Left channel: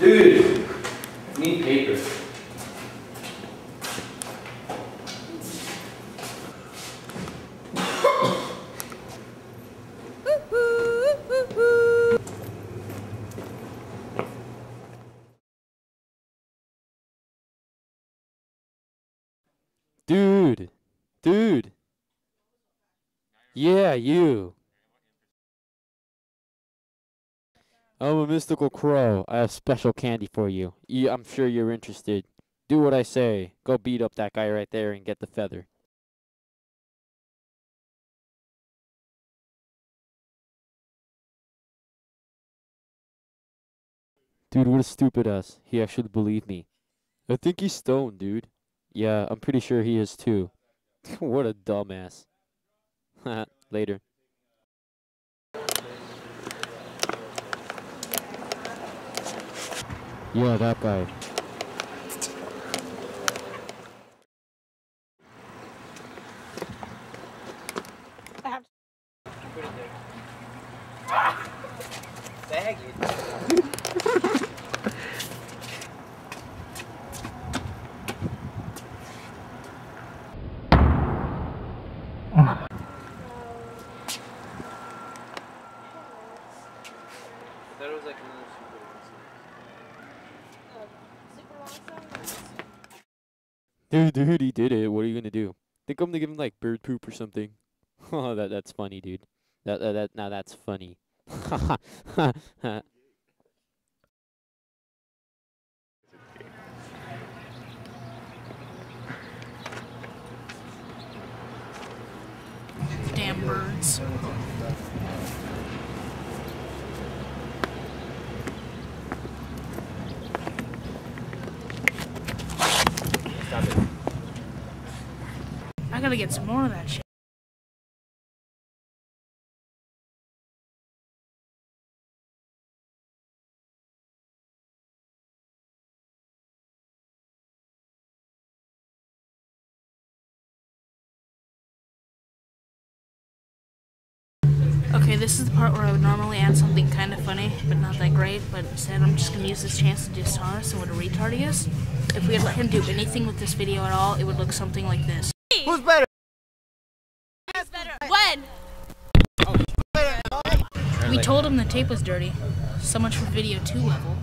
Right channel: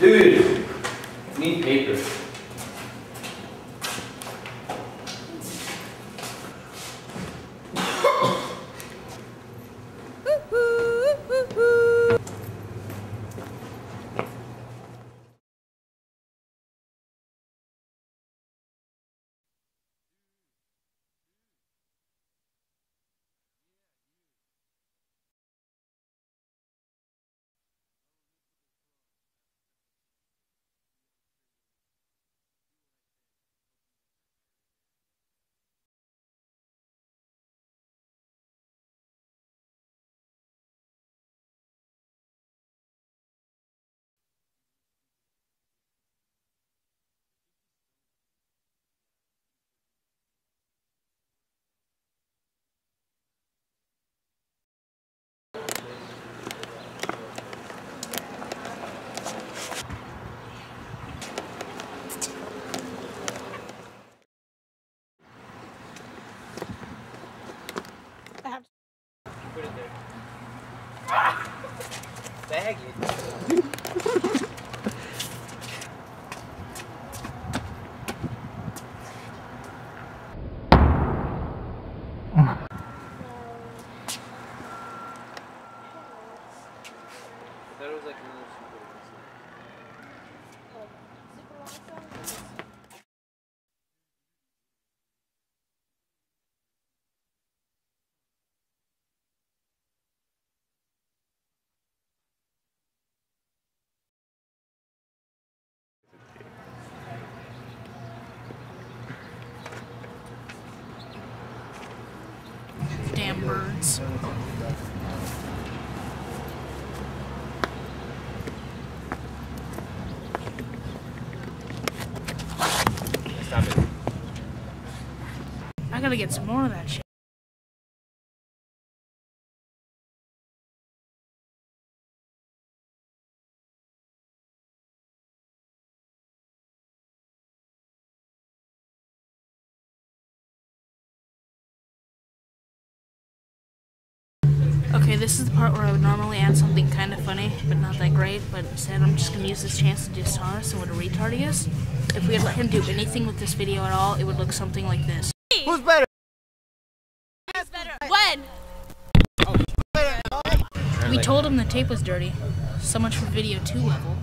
Dude, I need paper. Dude. Yeah, you. I'm a mystical crow. I have special candy for you. I'm sure you're interested. Do what I say. Go beat up that guy right there and get the feather. Dude, what a stupid ass. He actually believed me. I think he's stoned, dude. Yeah, I'm pretty sure he is too. What a dumbass. Later. Yeah, that guy. Put it there. Bag it. That was like another Dude, he did it. What are you gonna do? Think I'm gonna give him like bird poop or something. Oh, that's funny, dude. Now that's funny. Damn birds. Stop it. I gotta get some more of that shit. Okay, this is the part where I would normally add something kind of funny, but not that great, but instead I'm just going to use this chance to dishonest and what a retard he is. If we had let him do anything with this video at all, it would look something like this. We told him the tape was dirty. So much for video 2 level.